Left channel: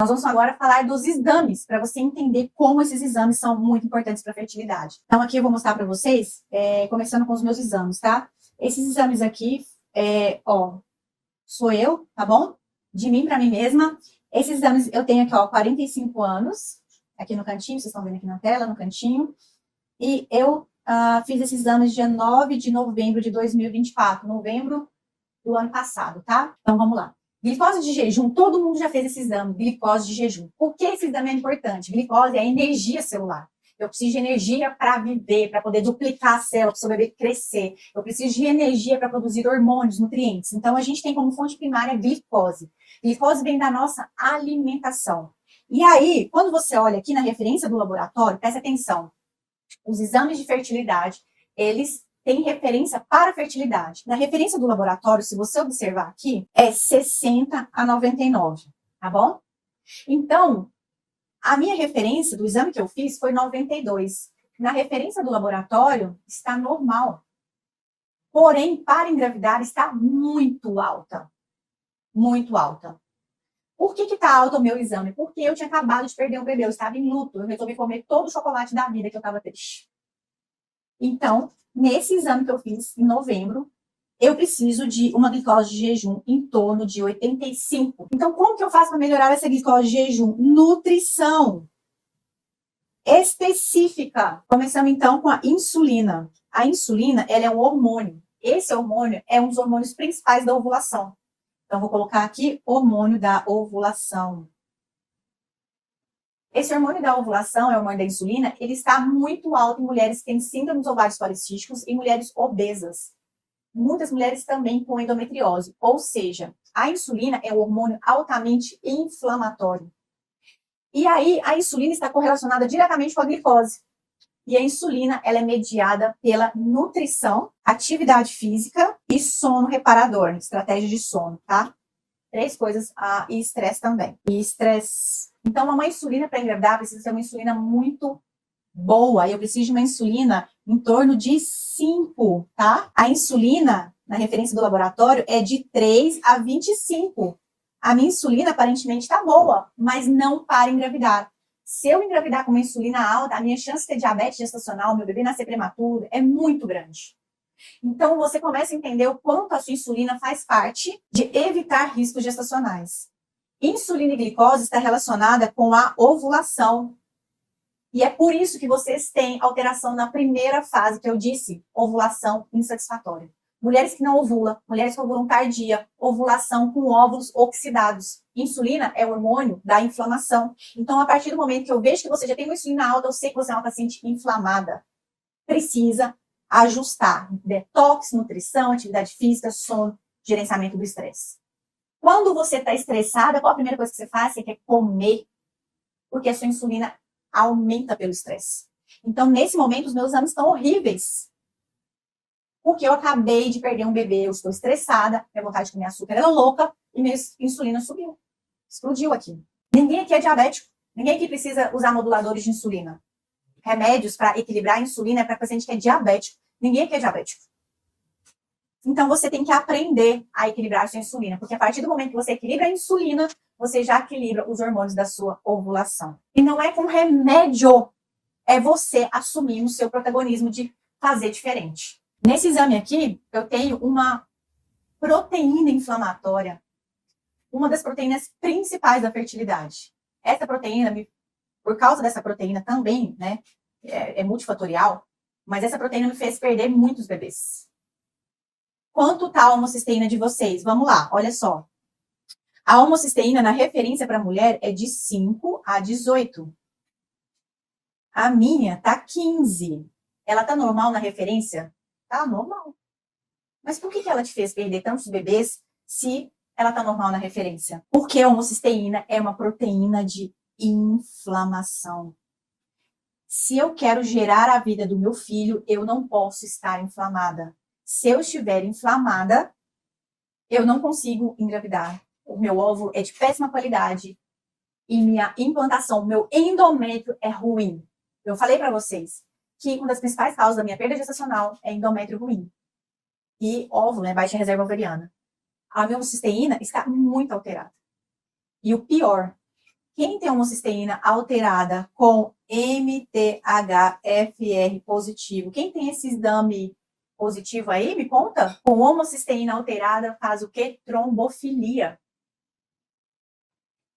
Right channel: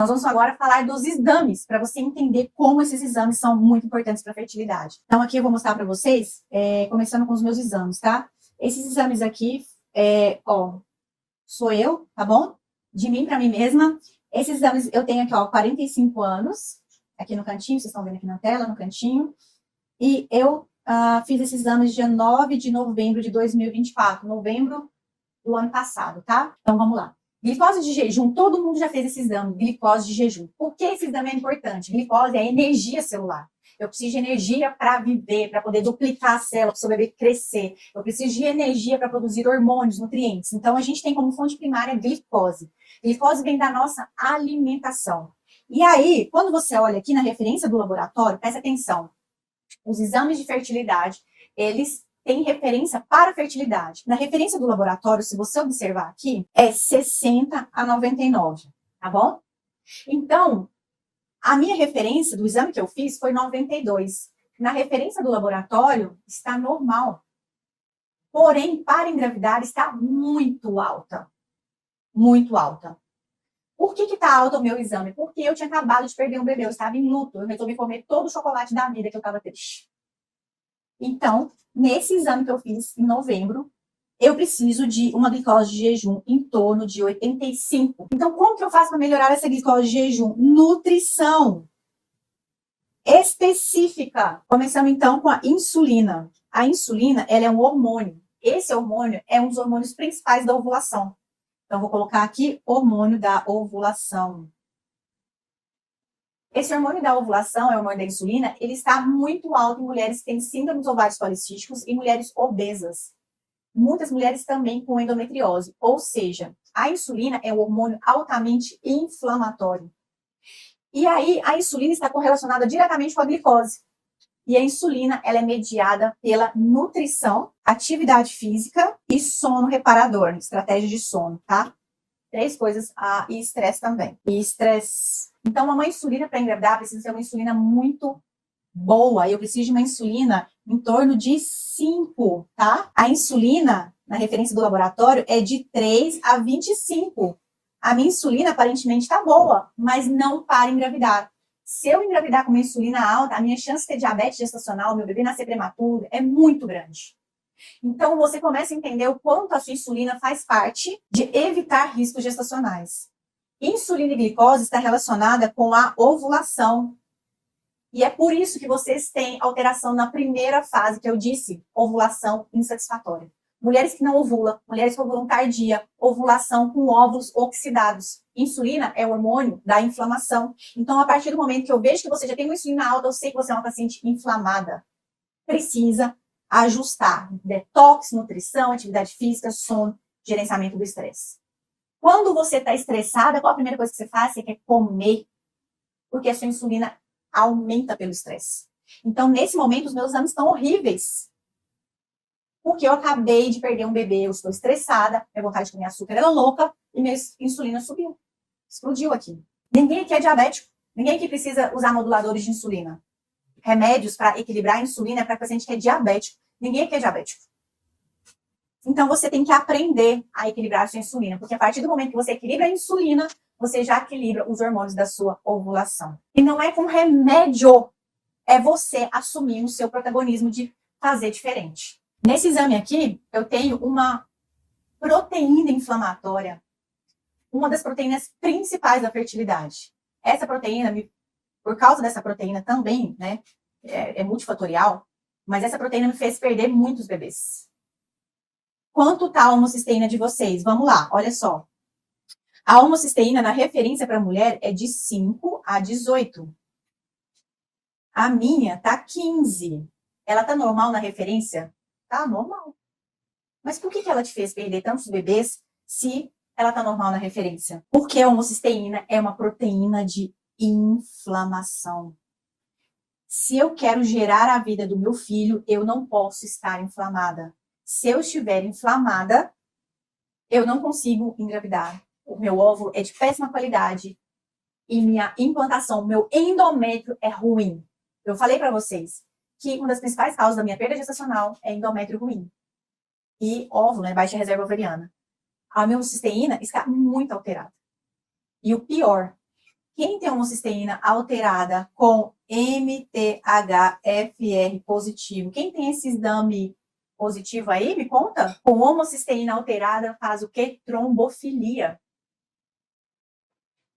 Nós vamos agora falar dos exames, para você entender como esses exames são muito importantes para a fertilidade. Então, aqui eu vou mostrar para vocês, começando com os meus exames, tá? Esses exames aqui, sou eu, tá bom? De mim para mim mesma. Esses exames eu tenho aqui, 45 anos, aqui no cantinho, vocês estão vendo aqui na tela, no cantinho. E eu fiz esses exames dia 9 de novembro de 2024, novembro do ano passado, tá? Então, vamos lá. Glicose de jejum, todo mundo já fez esse exame, glicose de jejum. Por que esse exame é importante? Glicose é energia celular. Eu preciso de energia para viver, para poder duplicar a célula, para o bebê crescer. Eu preciso de energia para produzir hormônios, nutrientes. Então, a gente tem como fonte primária glicose. Glicose vem da nossa alimentação. E aí, quando você olha aqui na referência do laboratório, presta atenção. Os exames de fertilidade, eles têm referência para fertilidade. Na referência do laboratório, se você observar aqui, é 60 a 99, tá bom? Então, a minha referência do exame que eu fiz foi 92. Na referência do laboratório, está normal. Porém, para engravidar, está muito alta. Muito alta. Por que está alto o meu exame? Porque eu tinha acabado de perder um bebê, eu estava em luto. Eu resolvi comer todo o chocolate da vida que eu estava triste. Então, nesse exame que eu fiz em novembro, eu preciso de uma glicose de jejum em torno de 85. Então, como que eu faço para melhorar essa glicose de jejum? Nutrição específica. Começamos então com a insulina. A insulina, ela é um hormônio. Esse hormônio é um dos hormônios principais da ovulação. Então, vou colocar aqui hormônio da ovulação. Esse hormônio da ovulação, é o hormônio da insulina, ele está muito alto em mulheres que têm síndrome dos ovários policísticos e mulheres obesas. Muitas mulheres também com endometriose. Ou seja, a insulina é um hormônio altamente inflamatório. E aí, a insulina está correlacionada diretamente com a glicose. E a insulina, ela é mediada pela nutrição, atividade física e sono reparador, estratégia de sono, tá? 3 coisas, e estresse também. E estresse. Então, uma insulina para engravidar precisa ser uma insulina muito boa. Eu preciso de uma insulina em torno de 5, tá? A insulina, na referência do laboratório, é de 3 a 25. A minha insulina, aparentemente, está boa, mas não para engravidar. Se eu engravidar com uma insulina alta, a minha chance de ter diabetes gestacional, meu bebê nascer prematuro, é muito grande. Então, você começa a entender o quanto a sua insulina faz parte de evitar riscos gestacionais. Insulina e glicose está relacionada com a ovulação. E é por isso que vocês têm alteração na primeira fase, que eu disse, ovulação insatisfatória. Mulheres que não ovulam, mulheres que ovulam tardia, ovulação com óvulos oxidados. Insulina é o hormônio da inflamação. Então, a partir do momento que eu vejo que você já tem uma insulina alta, eu sei que você é uma paciente inflamada. Precisa ajustar detox, nutrição, atividade física, sono, gerenciamento do estresse. Quando você está estressada, qual a primeira coisa que você faz? Você quer comer, porque a sua insulina aumenta pelo estresse. Então, nesse momento, os meus exames estão horríveis. Porque eu acabei de perder um bebê, eu estou estressada, minha vontade de comer açúcar era louca e minha insulina subiu. Explodiu aqui. Ninguém aqui é diabético. Ninguém aqui precisa usar moduladores de insulina. Remédios para equilibrar a insulina é para paciente que é diabético. Ninguém aqui é diabético. Então, você tem que aprender a equilibrar a sua insulina, porque a partir do momento que você equilibra a insulina, você já equilibra os hormônios da sua ovulação. E não é com remédio, é você assumir o seu protagonismo de fazer diferente. Nesse exame aqui, eu tenho uma proteína inflamatória, uma das proteínas principais da fertilidade. Essa proteína, por causa dessa proteína também, né, é multifatorial, mas essa proteína me fez perder muitos bebês. Quanto está a homocisteína de vocês? Vamos lá, olha só. A homocisteína na referência para mulher é de 5 a 18. A minha tá 15. Ela tá normal na referência? Tá normal. Mas por que ela te fez perder tantos bebês se ela tá normal na referência? Porque a homocisteína é uma proteína de inflamação. Se eu quero gerar a vida do meu filho, eu não posso estar inflamada. Se eu estiver inflamada, eu não consigo engravidar. O meu óvulo é de péssima qualidade e minha implantação, meu endométrio é ruim. Eu falei para vocês que uma das principais causas da minha perda gestacional é endométrio ruim. E óvulo, né, baixa reserva ovariana. A minha homocisteína está muito alterada. E o pior, Quem tem homocisteína alterada com MTHFR positivo? Quem tem esse exame positivo aí, me conta? Com homocisteína alterada faz o quê? Trombofilia.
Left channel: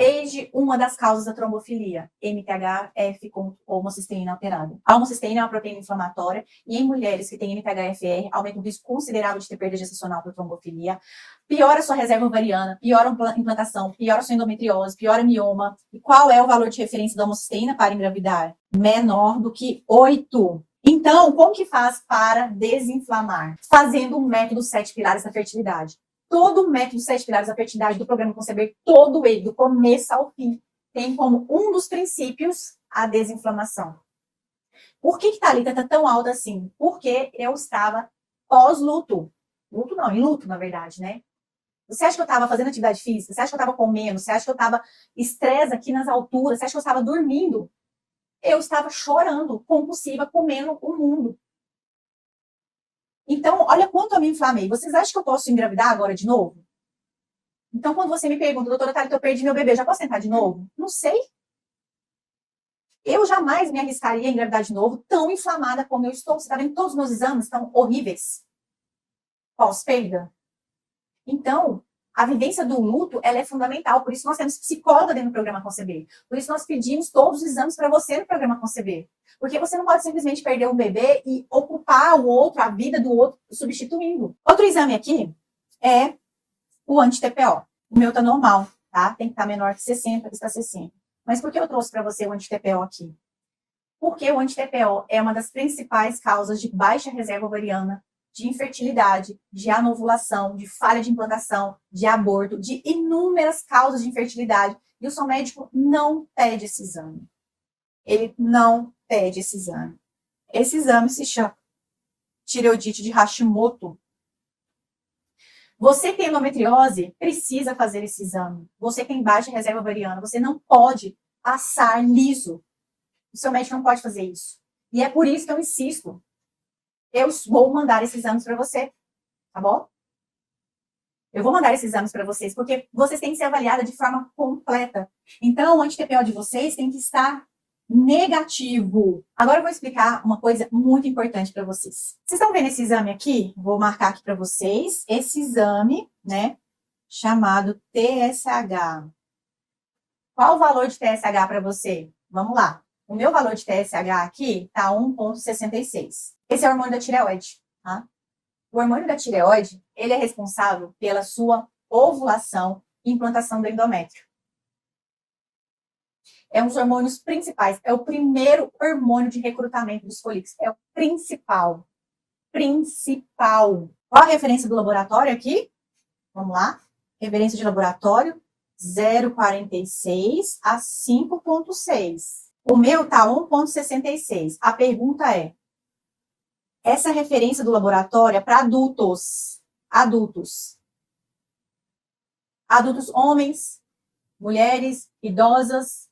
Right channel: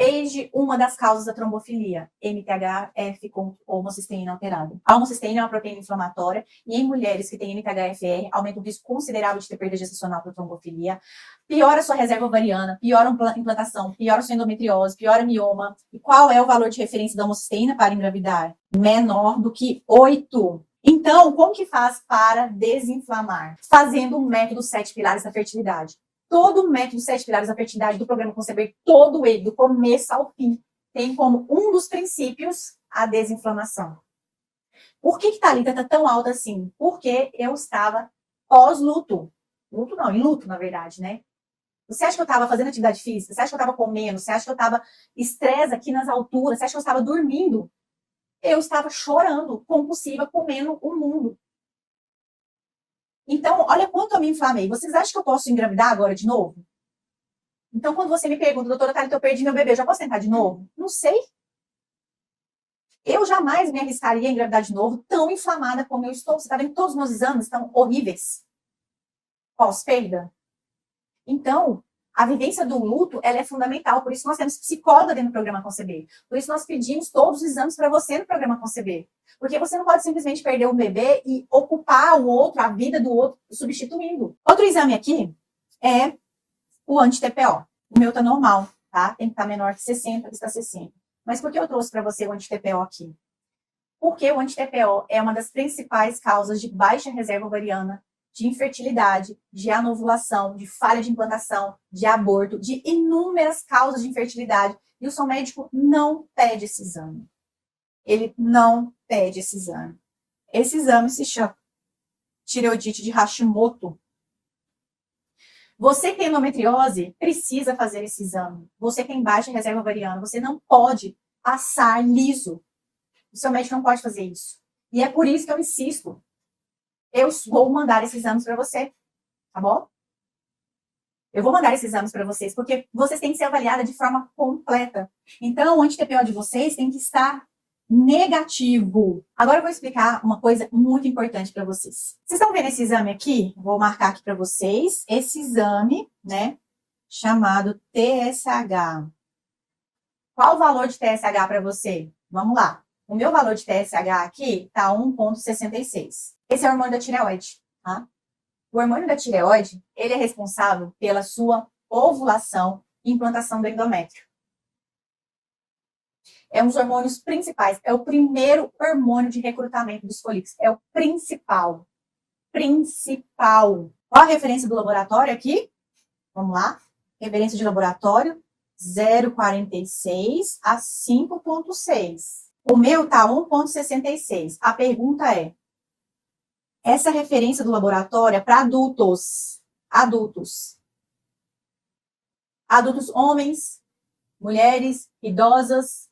Eis de uma das causas da trombofilia, MTHF com homocisteína alterada. A homocisteína é uma proteína inflamatória e em mulheres que têm MTHFR aumenta o risco considerável de ter perda gestacional por trombofilia, piora sua reserva ovariana, piora a implantação, piora sua endometriose, piora mioma. E qual é o valor de referência da homocisteína para engravidar? Menor do que 8. Então, como que faz para desinflamar? Fazendo um método 7 pilares da fertilidade. Todo o método 7 pilares da fertilidade do programa Conceber, todo ele, do começo ao fim, tem como um dos princípios a desinflamação. Por que a Thalita está tão alta assim? Porque eu estava pós-luto. Luto não, em luto, na verdade, né? Você acha que eu estava fazendo atividade física? Você acha que eu estava comendo? Você acha que eu estava estresse aqui nas alturas? Você acha que eu estava dormindo? Eu estava chorando, compulsiva, comendo o mundo. Então, olha quanto eu me inflamei. Vocês acham que eu posso engravidar agora de novo? Então, quando você me pergunta, doutora Thalita, eu perdi meu bebê, já posso tentar de novo? Não sei. Eu jamais me arriscaria a engravidar de novo, tão inflamada como eu estou. Você está vendo que todos os meus exames estão horríveis. Pós-perda. Então, a vivência do luto, ela é fundamental. Por isso nós temos psicóloga dentro do programa Conceber. Por isso nós pedimos todos os exames para você no programa Conceber. Porque você não pode simplesmente perder um bebê e ocupar o outro, a vida do outro, substituindo. Outro exame aqui é o anti-TPO. O meu tá normal, tá? Tem que estar menor que 60, que está 60. Mas por que eu trouxe para você o anti-TPO aqui? Porque o anti-TPO é uma das principais causas de baixa reserva ovariana, de infertilidade, de anovulação, de falha de implantação, de aborto, de inúmeras causas de infertilidade. E o seu médico não pede esse exame. Ele não pede esse exame. Esse exame se chama tireoidite de Hashimoto. Você que tem endometriose precisa fazer esse exame. Você que tem baixa reserva ovariana, você não pode passar liso. O seu médico não pode fazer isso. E é por isso que eu insisto. Eu vou mandar esses exames para você, tá bom? Eu vou mandar esses exames para vocês, porque vocês têm que ser avaliadas de forma completa. Então, o anti-TPO de vocês tem que estar negativo. Agora eu vou explicar uma coisa muito importante para vocês. Vocês estão vendo esse exame aqui? Vou marcar aqui para vocês. Esse exame, né, chamado TSH. Qual o valor de TSH para você? Vamos lá. O meu valor de TSH aqui está 1,66. Esse é o hormônio da tireoide, tá? O hormônio da tireoide, ele é responsável pela sua ovulação e implantação do endométrio. É um dos hormônios principais. É o primeiro hormônio de recrutamento dos folículos. É o principal. Principal. Qual a referência do laboratório aqui? Vamos lá. Referência de laboratório 0,46 a 5,6. O meu tá 1,66. A pergunta é: essa referência do laboratório é para adultos. Adultos. Adultos homens, mulheres, idosas,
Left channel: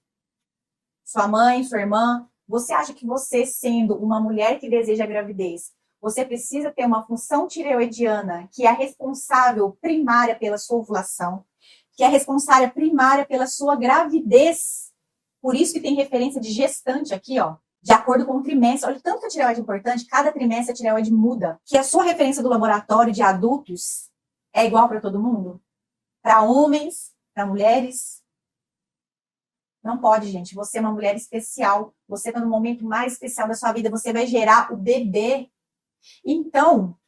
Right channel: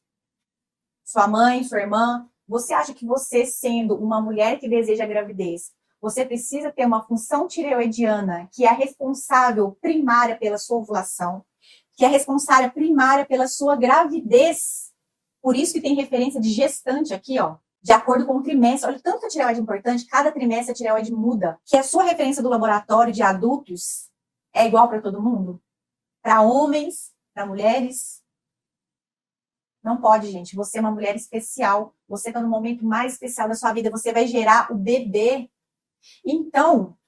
sua mãe, sua irmã. Você acha que você, sendo uma mulher que deseja gravidez, você precisa ter uma função tireoidiana que é responsável primária pela sua ovulação, que é responsável primária pela sua gravidez. Por isso que tem referência de gestante aqui, ó. De acordo com o trimestre. Olha, tanto que a tireoide é importante, cada trimestre a tireoide muda. Que a sua referência do laboratório de adultos é igual para todo mundo? Para homens, para mulheres? Não pode, gente. Você é uma mulher especial. Você está no momento mais especial da sua vida. Você vai gerar o bebê. Então,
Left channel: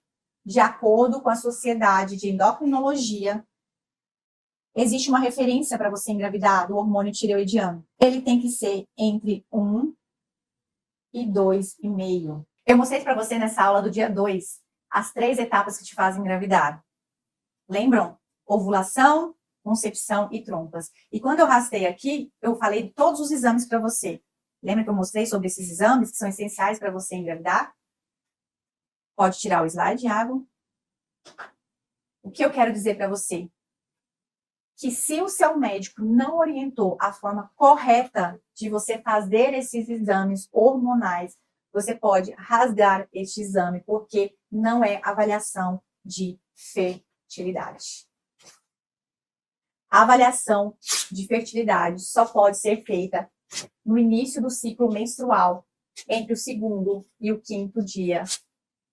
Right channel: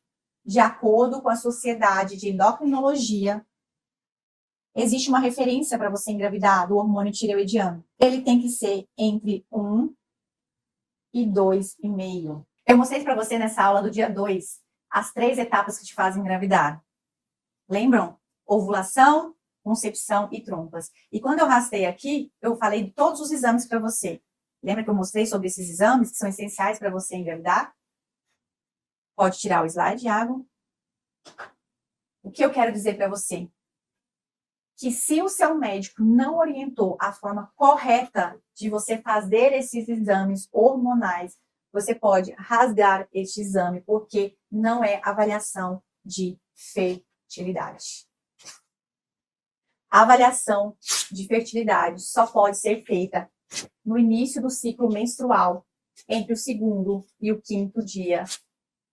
de acordo com a Sociedade de Endocrinologia, existe uma referência para você engravidar do hormônio tireoidiano. Ele tem que ser entre 1 e 2,5. Eu mostrei para você nessa aula do dia 2 as 3 etapas que te fazem engravidar. Lembram? Ovulação, concepção e trompas. E quando eu rastei aqui, eu falei de todos os exames para você. Lembra que eu mostrei sobre esses exames que são essenciais para você engravidar? Pode tirar o slide, Iago. O que eu quero dizer para você? Que se o seu médico não orientou a forma correta de você fazer esses exames hormonais, você pode rasgar este exame, porque não é avaliação de fertilidade. A avaliação de fertilidade só pode ser feita no início do ciclo menstrual, entre o segundo e o quinto dia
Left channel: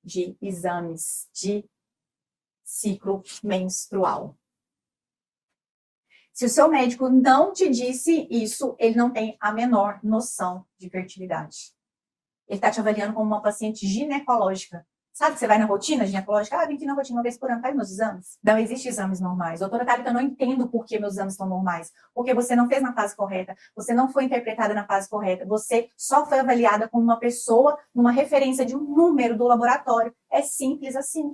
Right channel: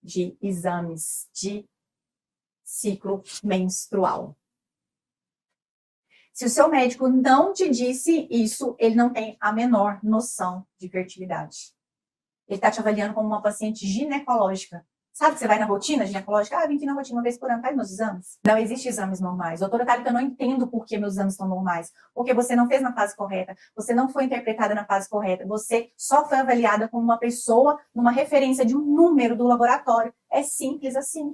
de exames de ciclo menstrual. Se o seu médico não te disse isso, ele não tem a menor noção de fertilidade. Ele está te avaliando como uma paciente ginecológica. Sabe que você vai na rotina ginecológica? Eu vim aqui na rotina uma vez por ano, faz meus exames. Não existem exames normais. Doutora Thalita, eu não entendo por que meus exames estão normais. Porque você não fez na fase correta, você não foi interpretada na fase correta, você só foi avaliada como uma pessoa numa referência de um número do laboratório. É simples assim.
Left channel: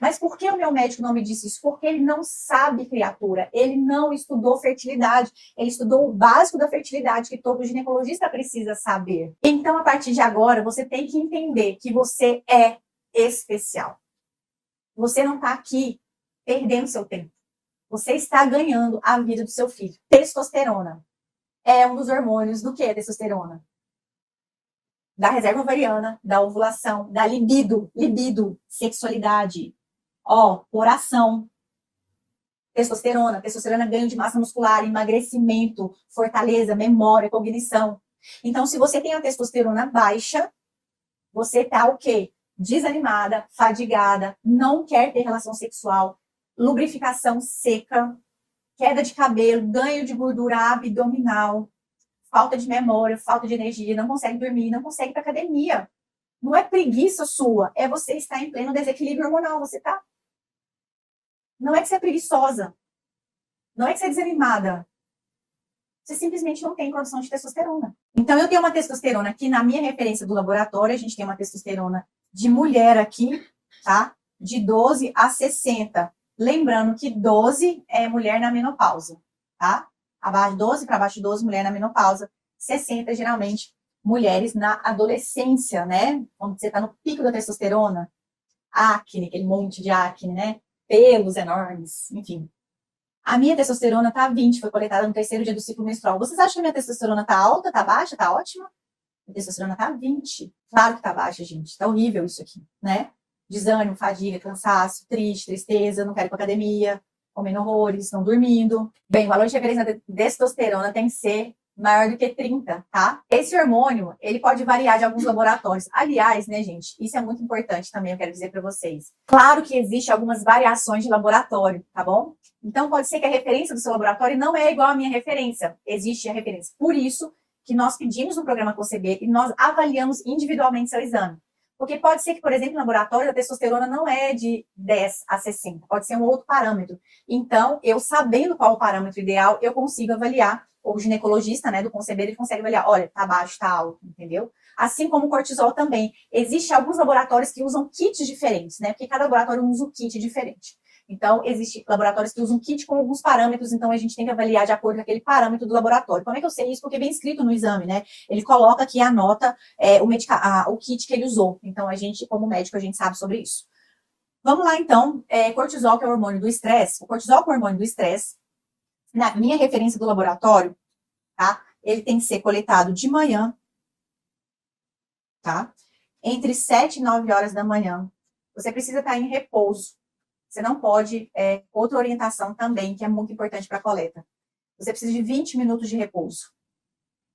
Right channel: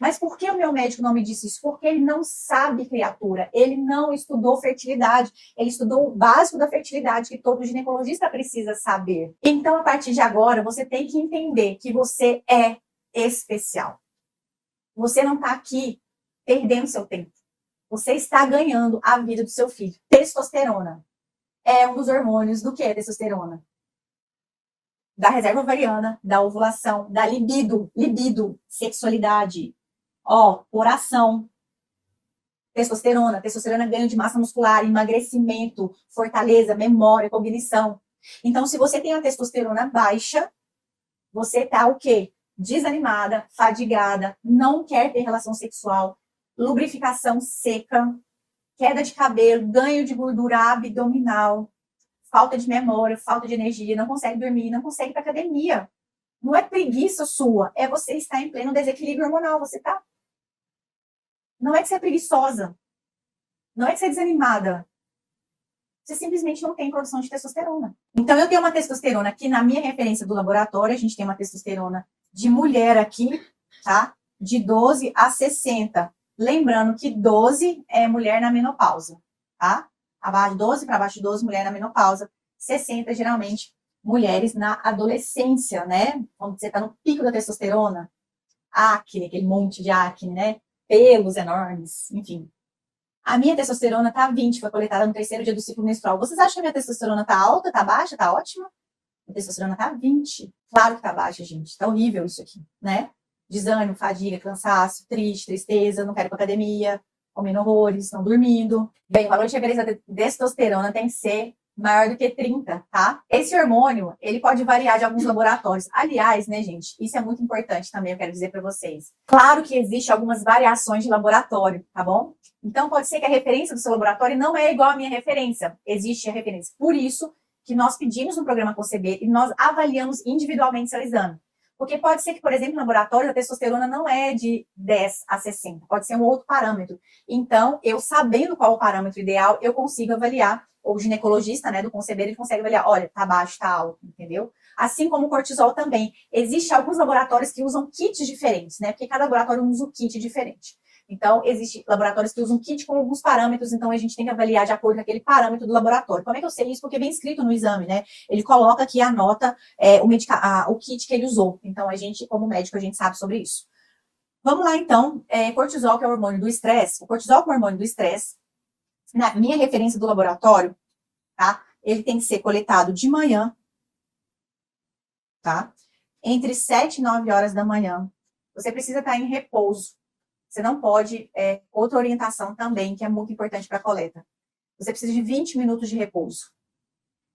Mas por que o meu médico não me disse isso? Porque ele não sabe, criatura. Ele não estudou fertilidade. Ele estudou o básico da fertilidade que todo ginecologista precisa saber. Então, a partir de agora, você tem que entender que você é especial. Você não está aqui perdendo seu tempo. Você está ganhando a vida do seu filho. Testosterona é um dos hormônios do que é testosterona? Da reserva ovariana, da ovulação, da libido, sexualidade, coração, testosterona, ganho de massa muscular, emagrecimento, fortaleza, memória, cognição. Então, se você tem a testosterona baixa, você tá o quê? Desanimada, fadigada, não quer ter relação sexual, lubrificação seca, queda de cabelo, ganho de gordura abdominal, falta de memória, falta de energia, não consegue dormir, não consegue ir para academia. Não é preguiça sua, é você estar em pleno desequilíbrio hormonal, você tá? Não é que você é preguiçosa, não é que você é desanimada. Você simplesmente não tem produção de testosterona. Então, eu tenho uma testosterona aqui na minha referência do laboratório, a gente tem uma testosterona de mulher aqui, tá? De 12 a 60. Lembrando que 12 é mulher na menopausa, tá? Abaixo de 12, para baixo de 12, mulher na menopausa. 60, geralmente, mulheres na adolescência, né? Quando você tá no pico da testosterona. Acne, aquele monte de acne, né? Pelos enormes, enfim. A minha testosterona tá 20, foi coletada no terceiro dia do ciclo menstrual. Vocês acham que a minha testosterona tá alta, tá baixa, tá ótima? A testosterona tá 20. Claro que tá baixa, gente. Tá horrível isso aqui, né? Desânimo, fadiga, cansaço, tristeza, não quero ir pra academia, comendo horrores, não dormindo. Bem, o valor de referência da testosterona tem que ser maior do que 30, tá? Esse hormônio, ele pode variar de alguns laboratórios. Aliás, né, gente, isso é muito importante também, eu quero dizer para vocês. Claro que existe algumas variações de laboratório, tá bom? Então, pode ser que a referência do seu laboratório não é igual à minha referência. Existe a referência. Por isso que nós pedimos no programa Conceber e nós avaliamos individualmente seu exame. Porque pode ser que, por exemplo, no laboratório, a testosterona não é de 10 a 60. Pode ser um outro parâmetro. Então, eu sabendo qual o parâmetro ideal, eu consigo avaliar. Ou o ginecologista, né, do Conceber, ele consegue avaliar. Olha, tá baixo, tá alto, entendeu? Assim como o cortisol também. Existem alguns laboratórios que usam kits diferentes, né? Porque cada laboratório usa um kit diferente. Então, existem laboratórios que usam kit com alguns parâmetros, então a gente tem que avaliar de acordo com aquele parâmetro do laboratório. Como é que eu sei isso? Porque vem escrito no exame, né? Ele coloca aqui, anota o kit que ele usou. Então, a gente, como médico, a gente sabe sobre isso. Vamos lá, então. Cortisol, que é o hormônio do estresse. O cortisol, que é o hormônio do estresse, na minha referência do laboratório, tá? Ele tem que ser coletado de manhã, tá? Entre 7 e 9 horas da manhã. Você precisa estar em repouso. Você não pode, outra orientação também, que é muito importante para a coleta. Você precisa de 20 minutos de repouso.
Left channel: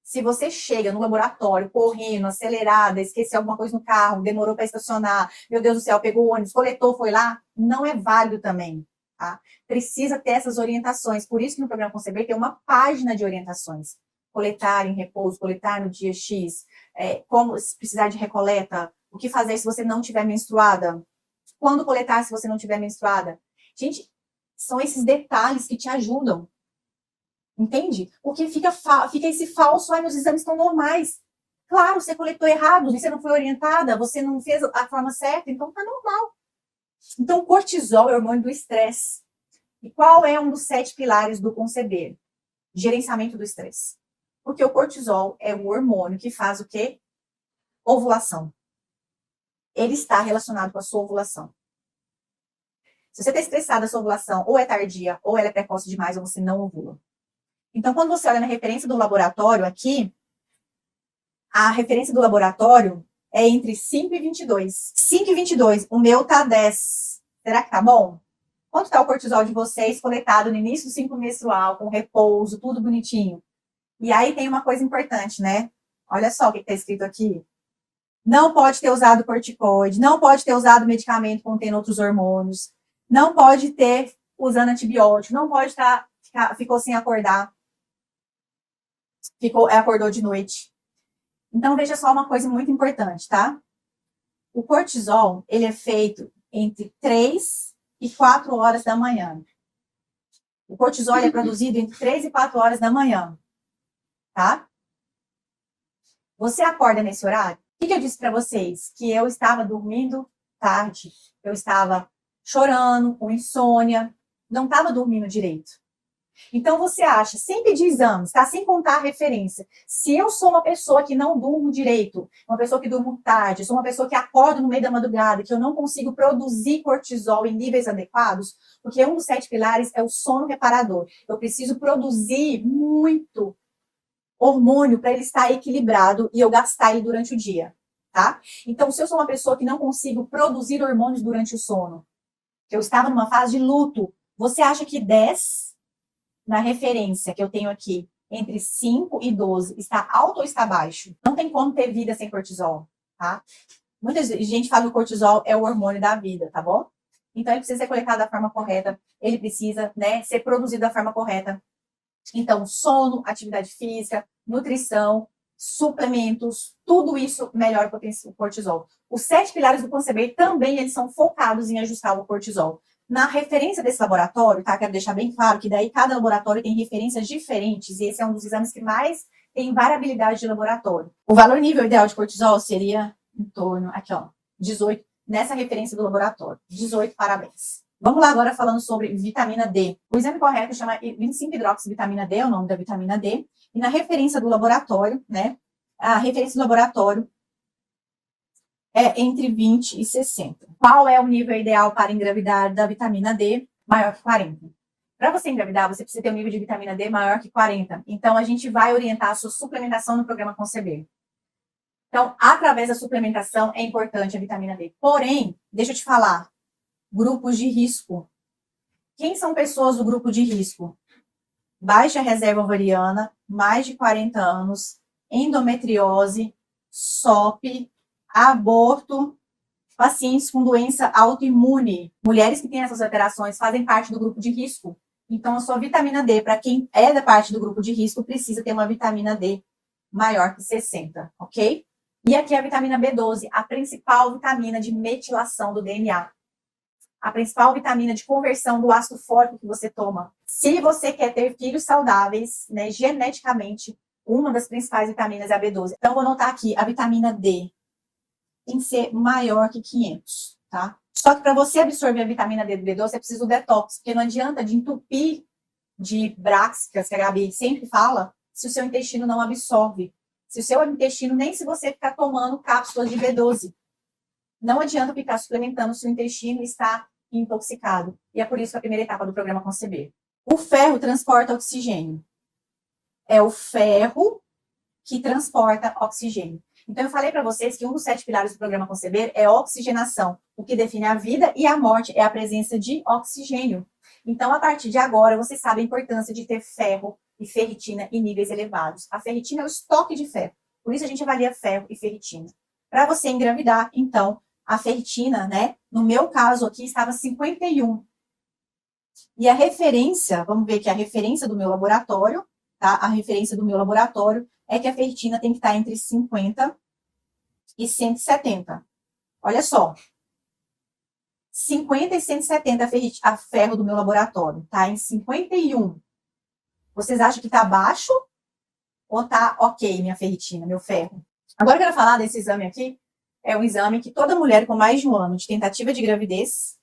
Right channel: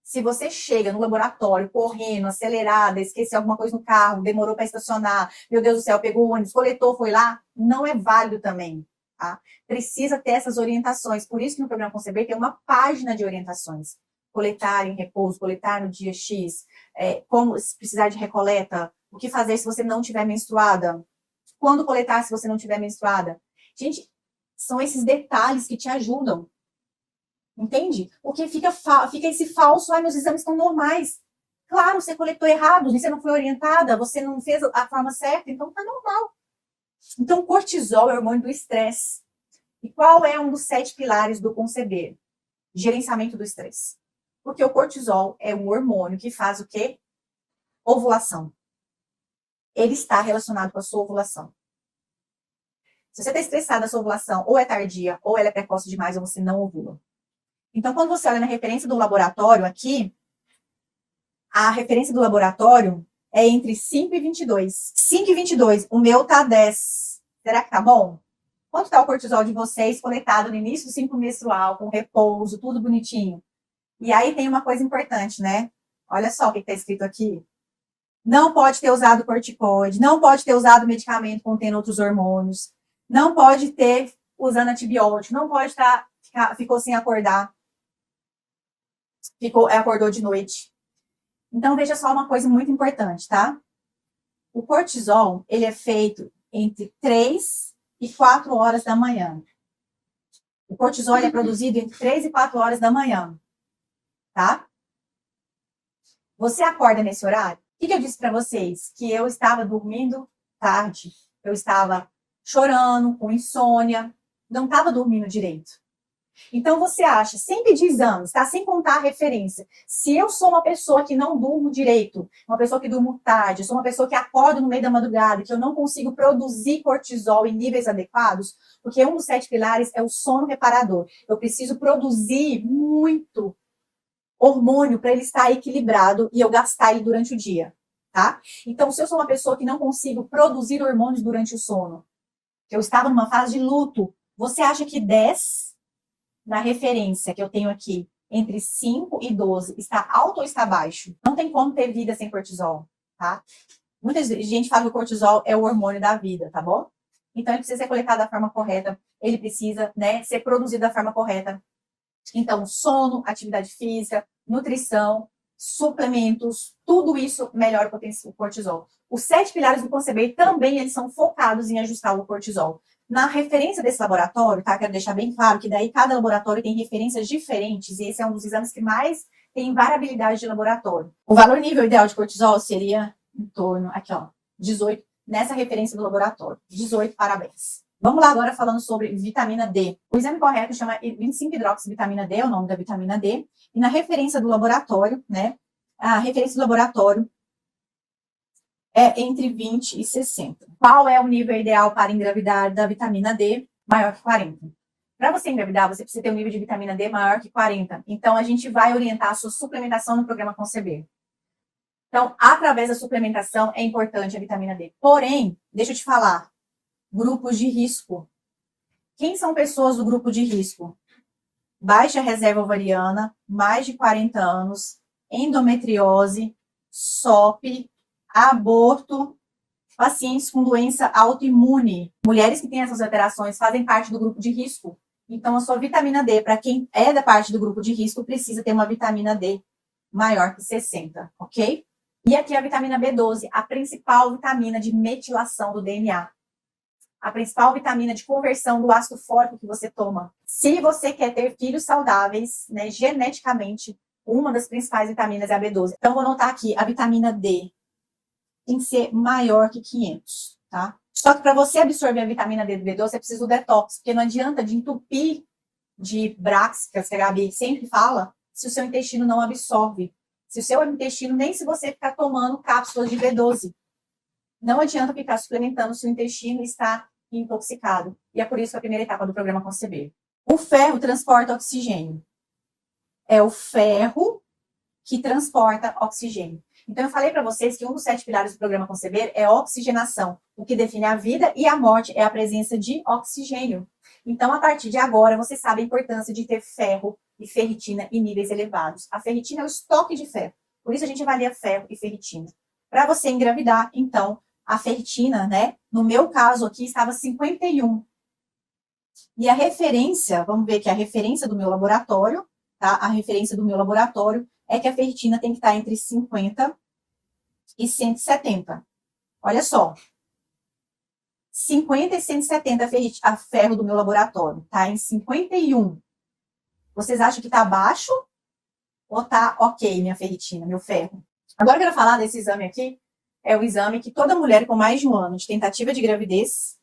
Se você chega no laboratório correndo, acelerada, esqueceu alguma coisa no carro, demorou para estacionar, meu Deus do céu, pegou o ônibus, coletou, foi lá, não é válido também, tá? Precisa ter essas orientações. Por isso que no programa Conceber tem uma página de orientações. Coletar em repouso, coletar no dia X, como se precisar de recoleta, o que fazer se você não estiver menstruada, quando coletar se você não estiver menstruada. Gente, são esses detalhes que te ajudam. Entende? Porque fica esse falso, meus exames estão normais. Claro, você coletou errado, você não foi orientada, você não fez a forma certa, então tá normal. Então, cortisol é o hormônio do estresse. E qual é um dos 7 pilares do conceber? Gerenciamento do estresse. Porque o cortisol é o hormônio que faz o quê? Ovulação. Ele está relacionado com a sua ovulação. Se você está estressada, a sua ovulação ou é tardia, ou ela é precoce demais, ou você não ovula. Então, quando você olha na referência do laboratório aqui, a referência do laboratório é entre 5 e 22. 5 e 22, o meu tá 10. Será que tá bom? Quanto está o cortisol de vocês coletado no início do ciclo menstrual, com repouso, tudo bonitinho? E aí tem uma coisa importante, né? Olha só o que está escrito aqui. Não pode ter usado corticoide, não pode ter usado medicamento contendo outros hormônios, não pode ter usando antibiótico, não pode ficou sem acordar, acordou de noite. Então, veja só uma coisa muito importante, tá? O cortisol, ele é feito entre 3 e 4 horas da manhã. O cortisol é produzido entre 3 e 4 horas da manhã, tá? Você acorda nesse horário? O que eu disse para vocês? Que eu estava dormindo tarde, eu estava chorando, com insônia, não estava dormindo direito. Então você acha, sem pedir exames, tá? Sem contar a referência. Se eu sou uma pessoa que não durmo direito, uma pessoa que durmo tarde, sou uma pessoa que acordo no meio da madrugada, que eu não consigo produzir cortisol em níveis adequados, porque um dos 7 pilares é o sono reparador. Eu preciso produzir muito hormônio para ele estar equilibrado e eu gastar ele durante o dia, tá? Então, se eu sou uma pessoa que não consigo produzir hormônios durante o sono, que eu estava numa fase de luto, você acha que 10 na referência que eu tenho aqui, entre 5 e 12, está alto ou está baixo? Não tem como ter vida sem cortisol, tá? Muita gente fala que o cortisol é o hormônio da vida, tá bom? Então, ele precisa ser coletado da forma correta, ele precisa, né, ser produzido da forma correta. Então, sono, atividade física, nutrição, suplementos, tudo isso melhora o cortisol. Os 7 pilares do conceber também eles são focados em ajustar o cortisol. Na referência desse laboratório, tá? Quero deixar bem claro que daí cada laboratório tem referências diferentes e esse é um dos exames que mais tem variabilidade de laboratório. O valor nível ideal de cortisol seria em torno, aqui ó, 18, nessa referência do laboratório. 18, parabéns. Vamos lá agora falando sobre vitamina D. O exame correto chama 25-hidroxivitamina D, é o nome da vitamina D. E na referência do laboratório, né? A referência do laboratório é entre 20 e 60. Qual é o nível ideal para engravidar da vitamina D? Maior que 40. Para você engravidar, você precisa ter um nível de vitamina D maior que 40. Então, a gente vai orientar a sua suplementação no programa Conceber. Então, através da suplementação, é importante a vitamina D. Porém, deixa eu te falar, grupos de risco. Quem são pessoas do grupo de risco? Baixa reserva ovariana, mais de 40 anos, endometriose, SOP, aborto, pacientes com doença autoimune. Mulheres que têm essas alterações fazem parte do grupo de risco. Então, a sua vitamina D, para quem é da parte do grupo de risco, precisa ter uma vitamina D maior que 60, ok? E aqui a vitamina B12, a principal vitamina de metilação do DNA. A principal vitamina de conversão do ácido fólico que você toma. Se você quer ter filhos saudáveis, né, geneticamente, uma das principais vitaminas é a B12. Então, vou anotar aqui, a vitamina D tem que ser maior que 500, tá? Só que para você absorver a vitamina D do B12, é preciso detox, porque não adianta de entupir de braxicas, que a Gabi sempre fala, se o seu intestino não absorve. Se o seu intestino, nem se você ficar tomando cápsulas de B12. Não adianta ficar suplementando o seu intestino e estar intoxicado. E é por isso que a primeira etapa do programa Conceber. O ferro transporta oxigênio. É o ferro que transporta oxigênio. Então, eu falei para vocês que um dos 7 pilares do programa Conceber é a oxigenação. O que define a vida e a morte é a presença de oxigênio. Então, a partir de agora, você sabe a importância de ter ferro e ferritina em níveis elevados. A ferritina é o estoque de ferro. Por isso, a gente avalia ferro e ferritina. Para você engravidar, então, a ferritina, né? No meu caso aqui, estava 51. E a referência, vamos ver aqui a referência do meu laboratório, tá? A referência do meu laboratório é que a ferritina tem que estar entre 50 e 170. Olha só. 50 e 170 a ferro do meu laboratório, tá? Em 51. Vocês acham que tá baixo ou tá ok minha ferritina, meu ferro? Agora eu quero falar desse exame aqui. É um exame que toda mulher com mais de um ano de tentativa de gravidez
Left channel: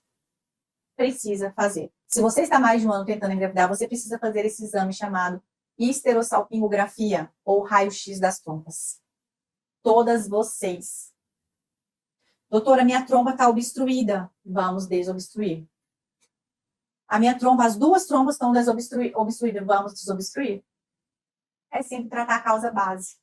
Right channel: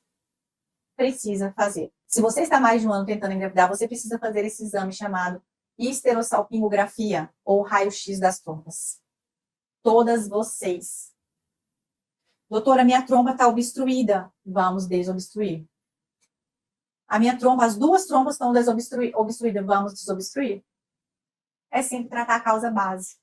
precisa fazer. Se você está mais de um ano tentando engravidar, você precisa fazer esse exame chamado histerosalpingografia ou raio-x das trompas. Todas vocês. Doutora, minha trompa está obstruída. Vamos desobstruir. A minha trompa, as duas trompas estão obstruídas. Vamos desobstruir. É sempre tratar a causa base.